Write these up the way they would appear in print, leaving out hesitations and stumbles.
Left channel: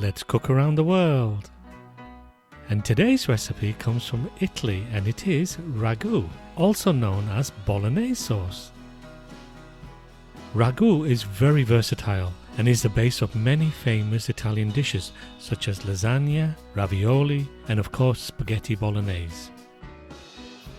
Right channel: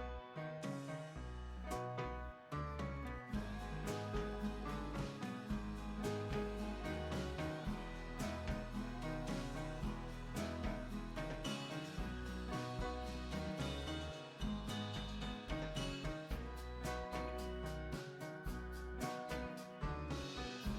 let's cook around the world. And today's recipe comes from Italy and it is ragu, also known as Bolognese sauce. Ragu is very versatile and is the base of many famous Italian dishes such as lasagna, ravioli and of course spaghetti bolognese.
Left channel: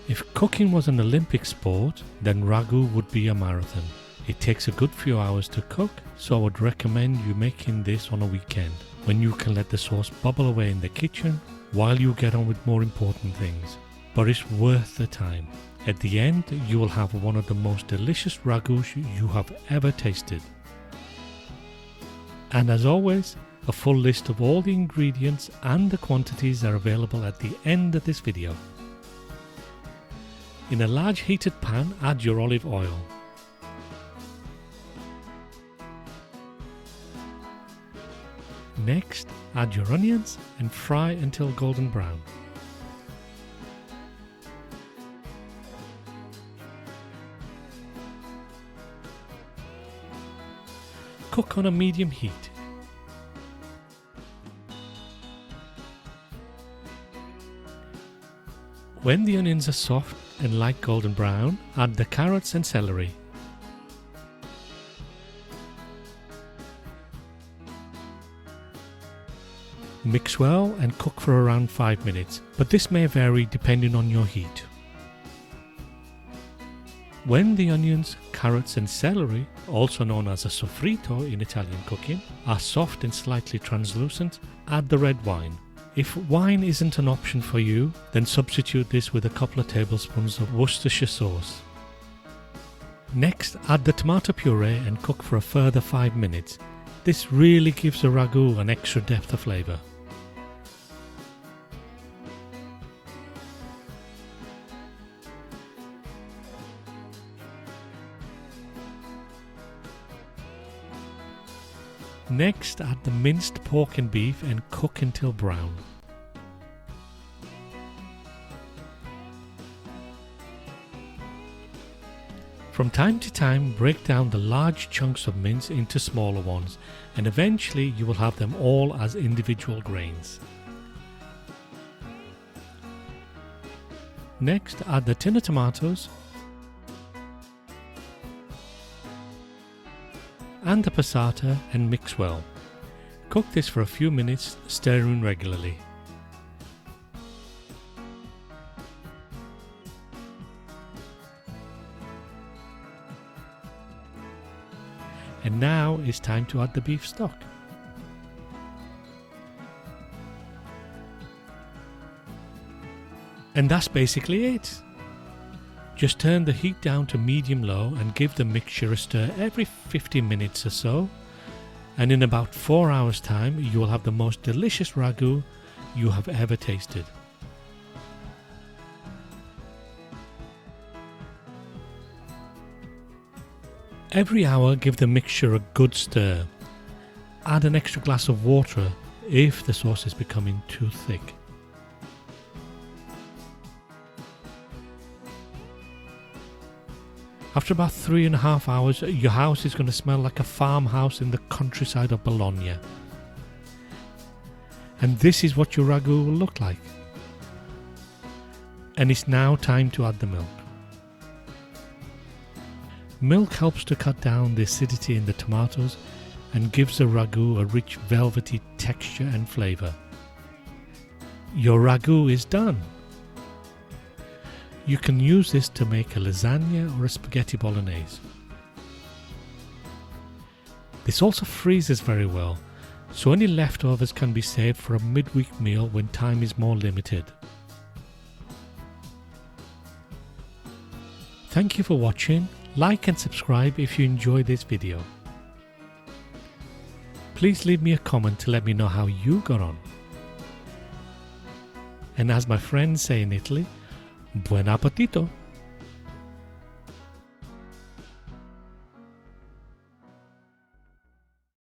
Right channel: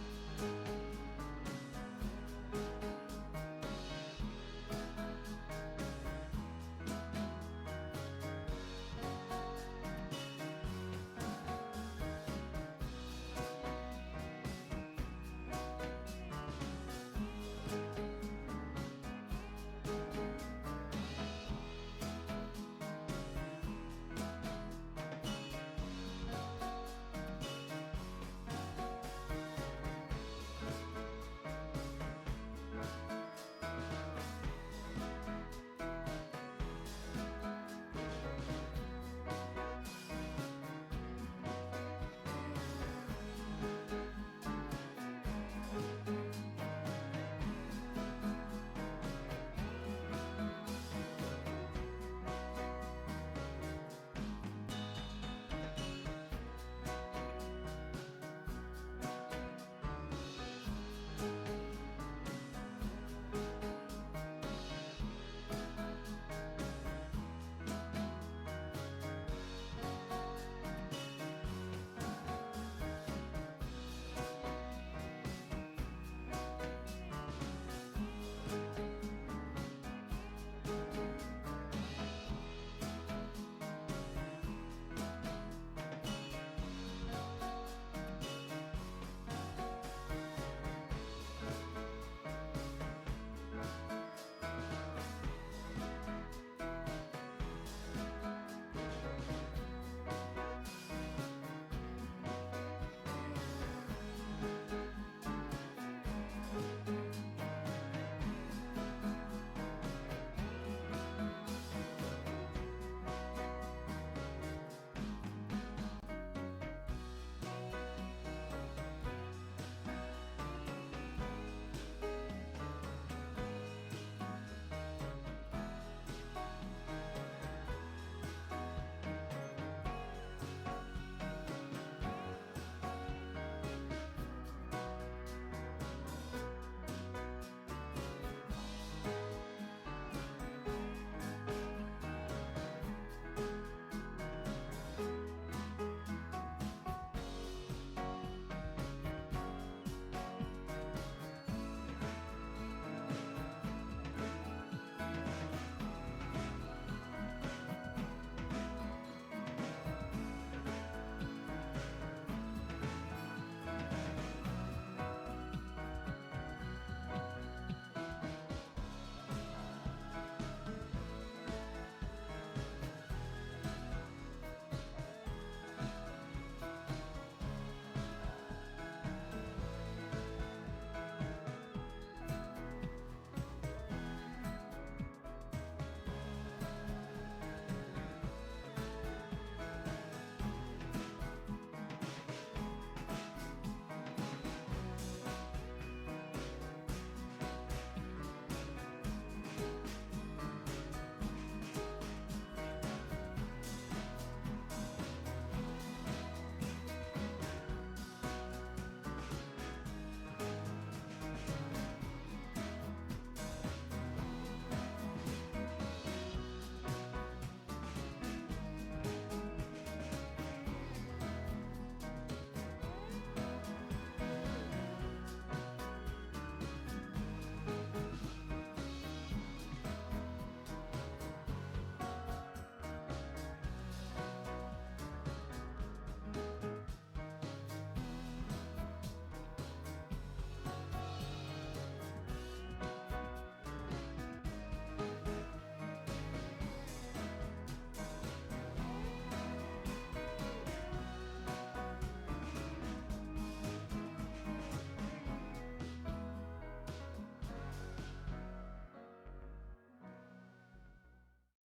If cooking was an Olympic sport, then ragu would be a marathon. It takes a good few hours to cook, so I would recommend you making this on a weekend, when you can let the sauce bubble away in the kitchen while you get on with more important things. But it's worth the time. At the end, you will have one of the most delicious ragus you have ever tasted. And as always, a full list of all the ingredients and the quantities are available at the end of this video. In a large heated pan, add your olive oil. Next, add your onions and fry until golden brown. Cook on a medium heat. When the onions are soft and light golden brown, add the carrots and celery. Mix well and cook for around 5 minutes, but this may vary depending on your heat. When the onions, carrots and celery, also known as a soffritto in Italian cooking, are soft and slightly translucent, add the red wine. If wine isn't an option for you, then substitute this with a couple of tablespoons of Worcestershire sauce. Next, add the tomato puree and cook for a further 5 minutes. This really gives the ragu an extra depth of flavour. Next, add the minced pork and beef and cook until brown. From time to time, break down the large chunks of mince into smaller ones, and eventually you will have them all as individual grains. Next, add the tin of tomatoes and the passata and mix well. Cook this for a few minutes, stirring regularly. And now it's time to add the beef stock. And that's basically it. Just turn the heat down to medium-low and give the mixture a stir every 50 minutes or so. And in about 4 hours time, you will have the most delicious ragu you have ever tasted. Every hour, give the mixture a good stir. Add an extra glass of water if the sauce is becoming too thick. After about 3.5 hours, your house is going to smell like a farmhouse in the countryside of Bologna. And this is what your ragu will look like. And it's now time to add the milk. Milk helps to cut down the acidity in the tomatoes and gives the ragu a rich velvety texture and flavour. Your ragu is done. You can use this to make a lasagna or a spaghetti bolognese. This also freezes very well, so any leftovers can be saved for a midweek meal when time is more limited. Thank you for watching. Like and subscribe if you enjoyed this video. Please leave me a comment to let me know how you got on. And as my friends say in Italy, Buon Appetito!